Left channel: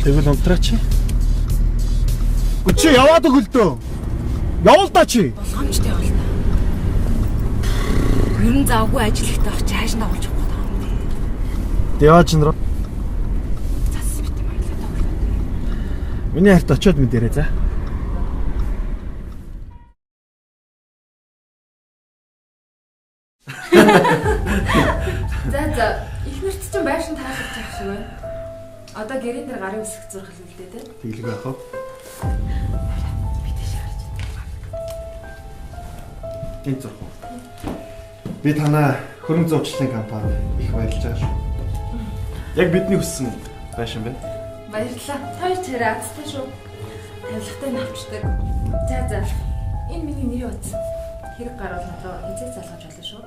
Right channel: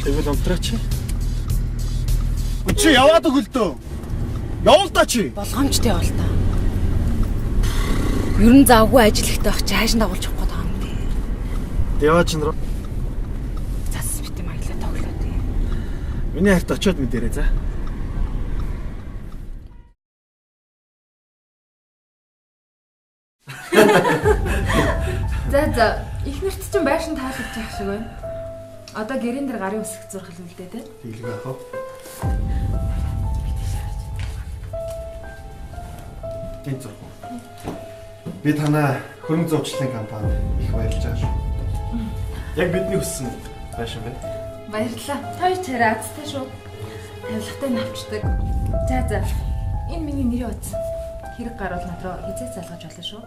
Тэгвэл унтраач. Чи яваад өгөлдөө. Явал та чи. Болгоомжтой явал та. Ерөн завгүй ажиллахтай бах чи хайш дагуулж явах гэдэг юм бэ? Яваач нэр. Цас бит юм аялаа тоглоо. Миний харт очиод мэдэрээ за. За ихнэрт чинь байшин таалагдчих шиг байна. Одоо гэрэн дээр гарын үсэг зурх хэлвэлдээ те. Тэглэг байх уу? Энд зурх уу? Би танаа хөрөнгө зурчлалын компанид их баярлж байгаа шүү. Яг бидний хүссэн байшин байна. Баярлалаа. Хоёр царай азтай шүү. Тавилгатай навчдаг. За. Энэ миний нэрийн утас. Хэрэг гарвал надруу хизээ залгаж болно шүү.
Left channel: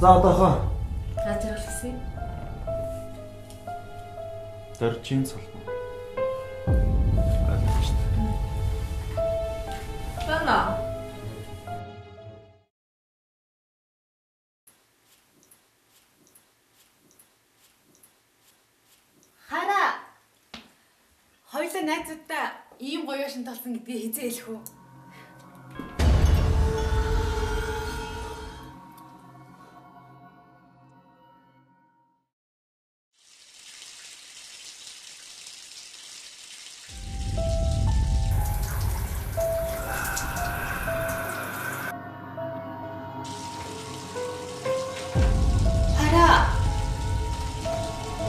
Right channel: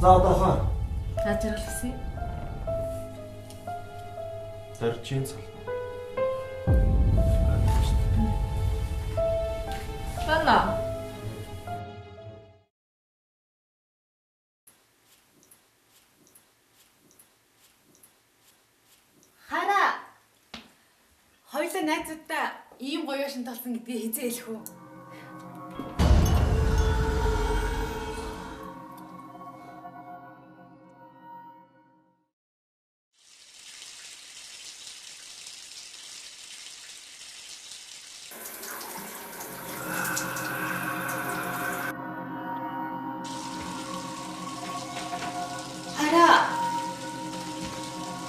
За одоохоо Ажигласан. дөржин сална. Бана. Хараа. Хоёулаа найзуудаа ийм гоё шин толсон гэдгийг хизээ хэлэх үү?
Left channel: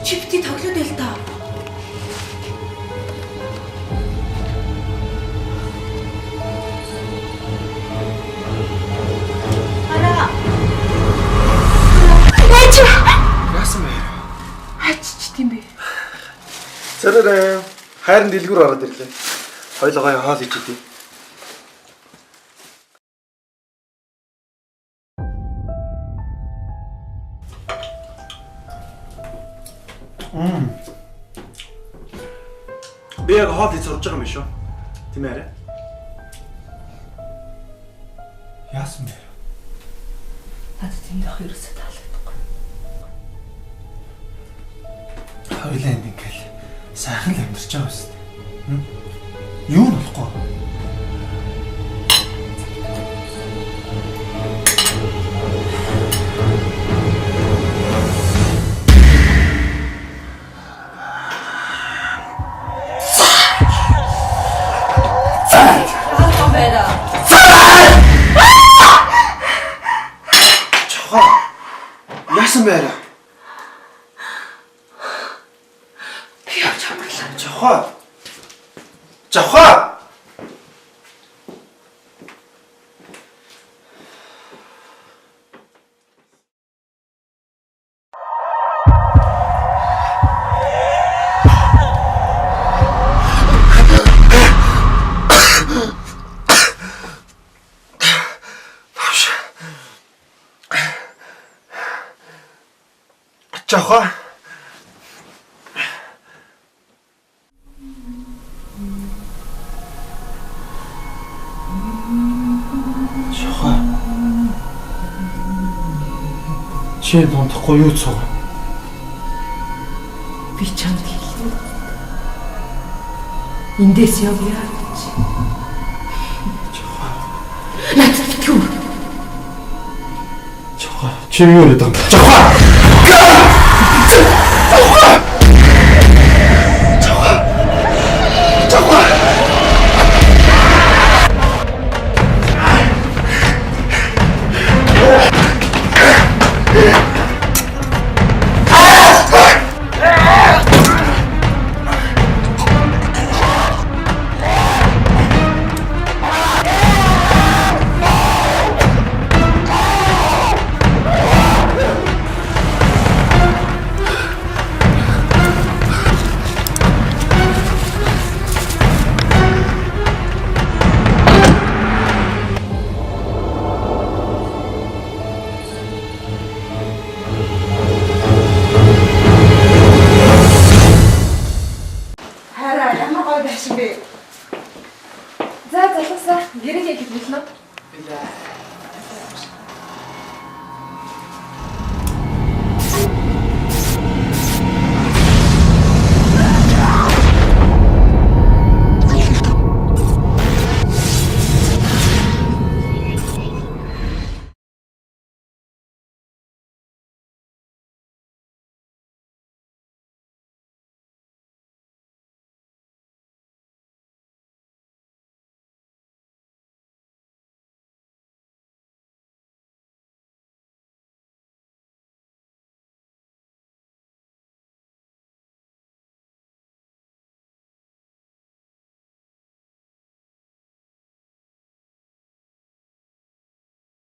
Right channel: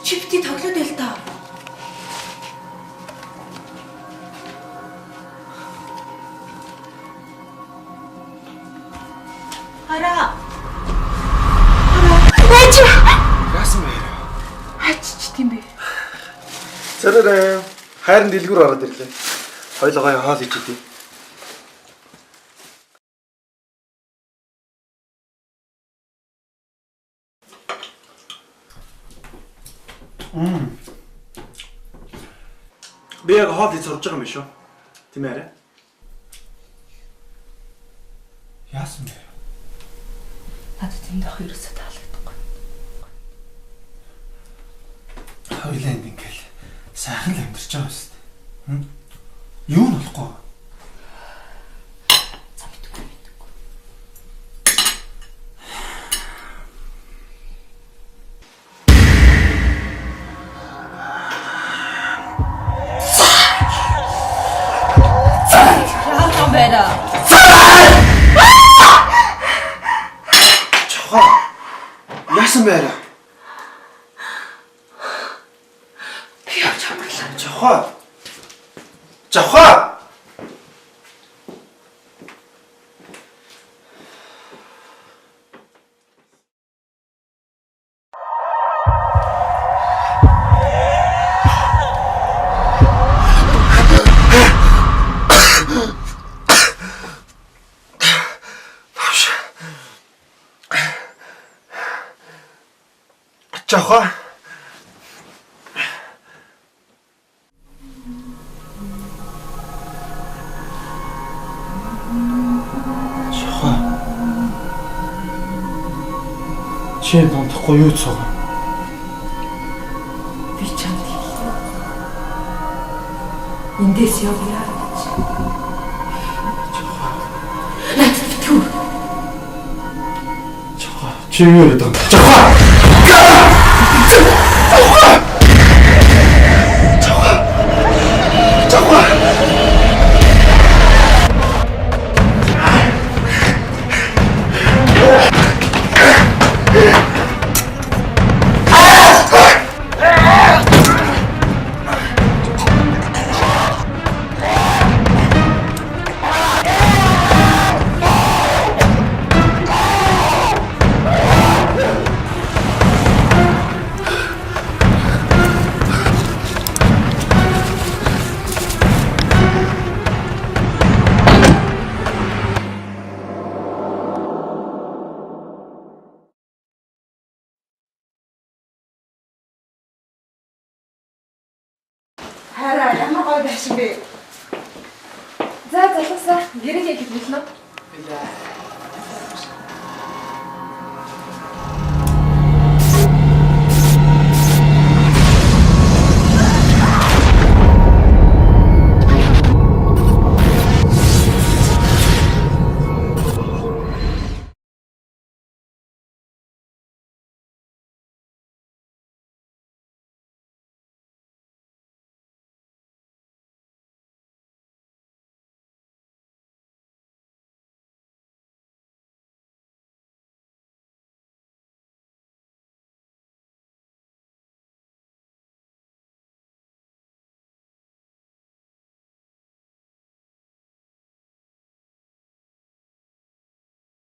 Чипти тоглоод байл та. Ара. Эч. Яасан бэ? Ачч тийм бэ. Зэрэг хайрын дэлгүүр ороод ирлээ. Хоёлоо хоол хийж идэв. Би яг хоол хийж сурж байгаа юм шүү. Тийм ээ. Яасан бэ? Надад тэнд ах ерөөсөө таалагдахгүй. Хоёлаа энд ингээл сайхан л амьдарч байгаа юм шүү. Юу нь болохгүй? Яасан бэ? Би явж амарлаа. Жохоо. Жохоо. Чи донтохгүй юу цог? Би чамд хэлээ. Эндээс явъя гэж. Жохоо. Надад битгүү. Жохоо. Чи юу яриад байгаа юм? Жохоо. За залуусаа гэрээ хийх хэлнэ. Билээ.